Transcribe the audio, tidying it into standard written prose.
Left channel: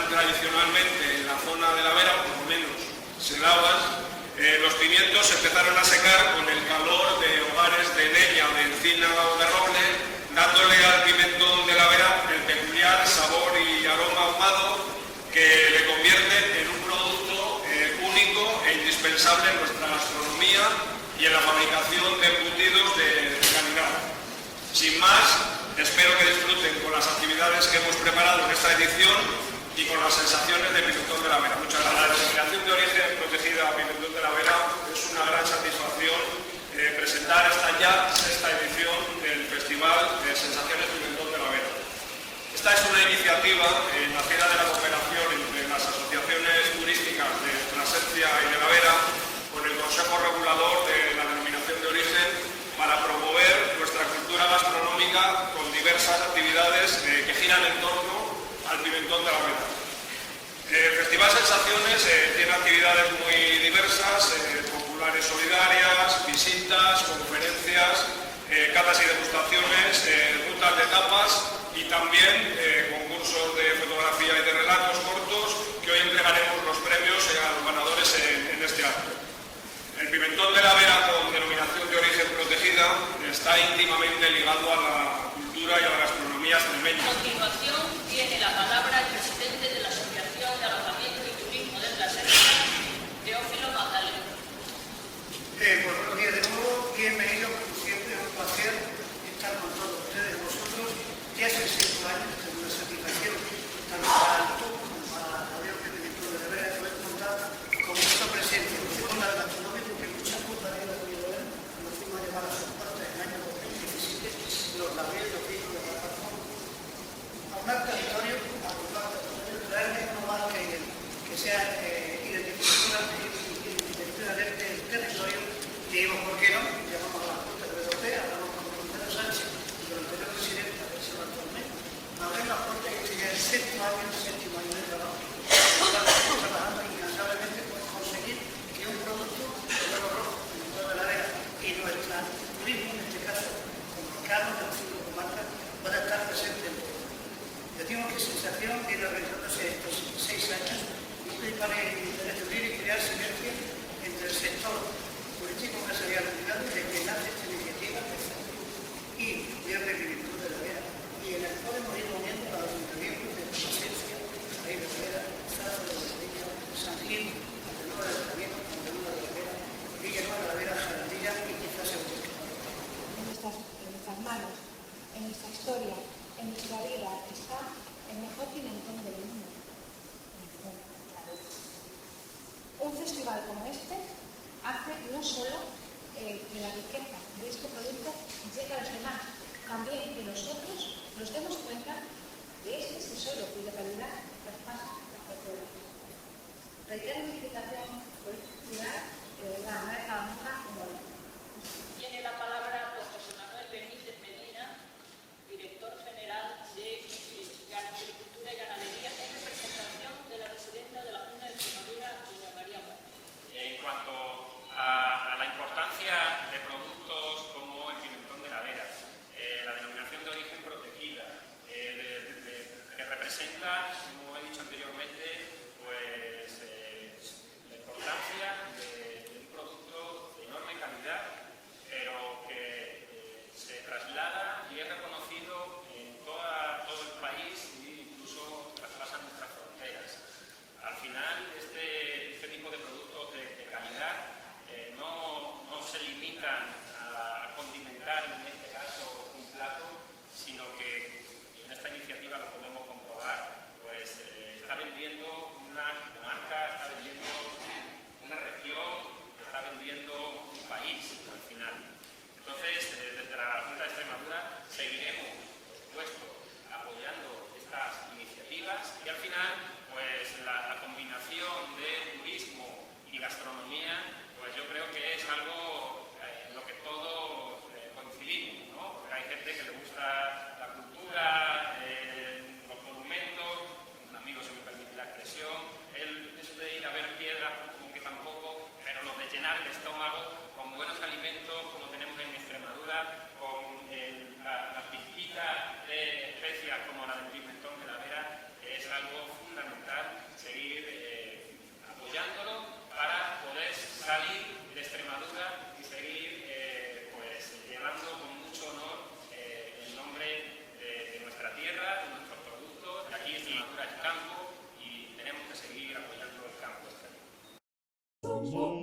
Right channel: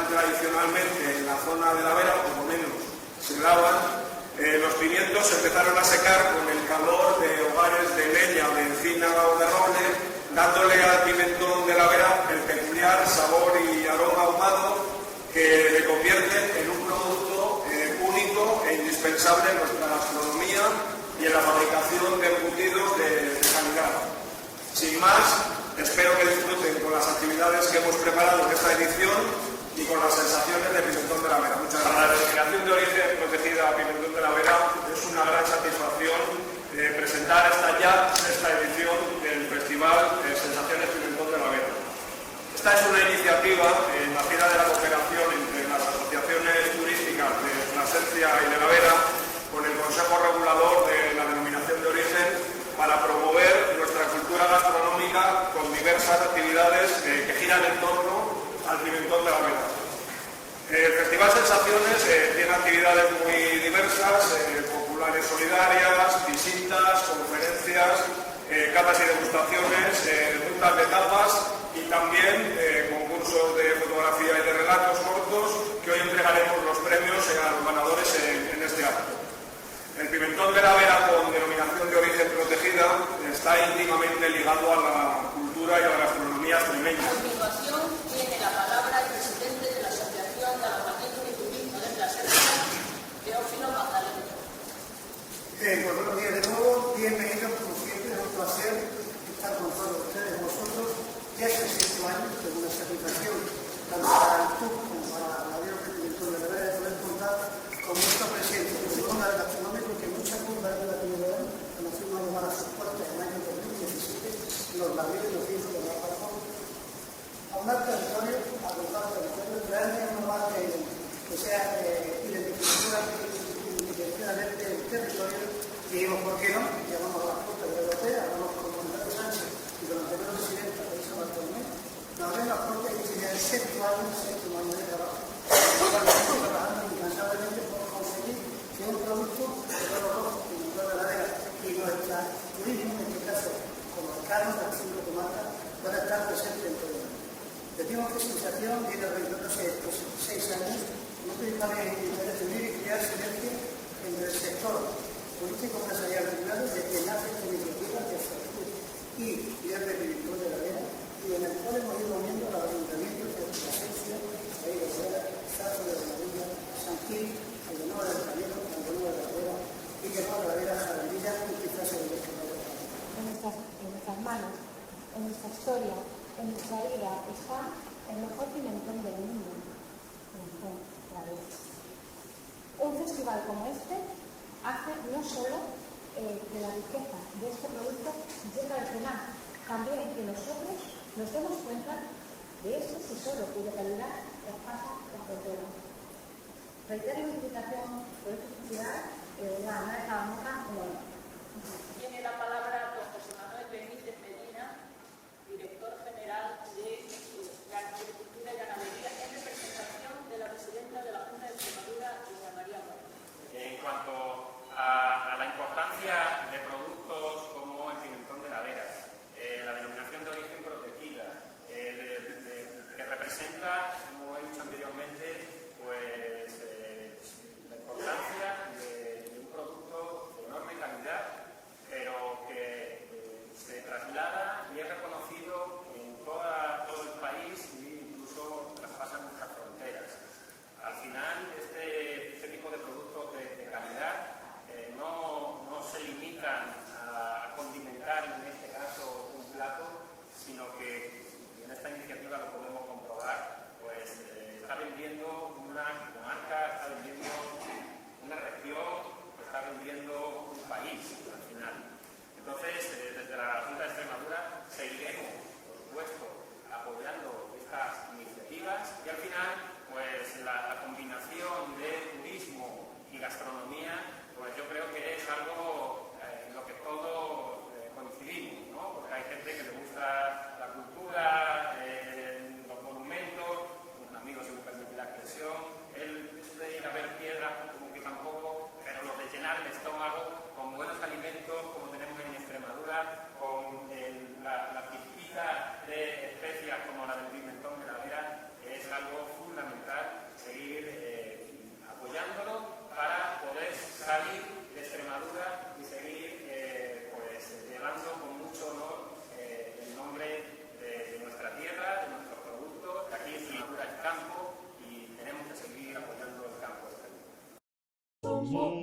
dan tradicionalmente en la zona de la Vera, por lo menos se daban, los pimientos empezaron a secar con el calor de hogares de leña o de encina o de roble, dándole al pimentón de la Vera el peculiar sabor y aroma ahumado que le convierte en un producto único e indispensable en nuestra gastronomía y en la fabricación de embutidos de calidad. Sin más, espero que disfruten con las actividades que hemos preparado en esta edición y con las sensaciones de pimentón de la Vera. Muchas gracias. La denominación de origen protegida pimentón de la Vera es una gran satisfacción presentar esta edición del Festival de Sensaciones Pimentón de la Vera. Esta es una iniciativa nacida de la cooperación entre las asociaciones turísticas de Plasencia y de la Vera con el Consejo Regulador de la Denominación de Origen para promover nuestra cultura gastronómica con diversas actividades que giran en torno al pimentón de la Vera. El Festival Sensaciones tiene actividades muy diversas, populares solidarias, visitas, conferencias, catas y degustaciones, rutas de tapas y también concursos de fotografía y de relatos cortos que hoy entregaremos los premios a los ganadores en este acto. El pimentón de la Vera con denominación de origen protegida está íntimamente ligado a la cultura y a la gastronomía extremeña. A continuación tiene la palabra el presidente de la Asociación de Alojamiento y Turismo de Plasencia, Teófilo Magdaleno. Buenos días de nuevo, bienvenidos como siempre, es un placer estar con todos ustedes, vosotros. Ya es el sexto año, tengo una satisfacción tanto para el TUC como para la Unión de Pimentón de la Vera de poder contar con nuestra presencia en este mundo gastronómico que mucha culpa de la comunidad cuando fuimos a llamar a sus puertas en el año 2017 los ladrillos nos dijo de la Falcón. A un territorio, a abordar territorio, traerme una marca que sea identificativamente el territorio, dijimos, ¿por qué no? Llamamos a las Cortes Europeas, hablamos con Antonio Sánchez y con la anterior presidenta de San Bartolomé, nos abren las puertas y este ya es el séptimo año de trabajo. Estamos trabajando incansablemente por conseguir que un producto de todo rojo, pimentón de la Vera y nuestro turismo, en este caso comarcado, las 5 comarcas, pueda estar presente en todo el mundo. Decimos que Sensación viene realizándose estos 6 años y un principal interés de unir y crear sinergia entre el sector político empresarial privado desde que nace esta iniciativa de Factur y de Pimentón de la Vera y en el cual hemos ido uniendo a los ayuntamientos de Plasencia, Raíz de la Vera, Zaragoza de la Villa, San Gil, Villanueva del Camino, Villanueva de la Vera, Villanueva de la Vera, Jarandilla y quizás el resto de la Vera. En nuestras manos, en nuestra historia, en nuestra vida está el mejor pimentón del mundo, Pimentón de la Vera. Un festival como este hace no solo que la riqueza de este producto llegue a los demás, también que nosotros nos demos cuenta de este tesoro de calidad que pasa las fronteras. Reitero mi invitación por esta festival a Tiene la palabra el profesor Manuel Benítez Medina, director general de Agricultura y Ganadería, en representación de la presidenta de la Junta de Extremadura, Rosa María Gómez. En cuanto a la importancia de productos como el pimentón de la Vera, la denominación de origen protegida, que representa, como Mu.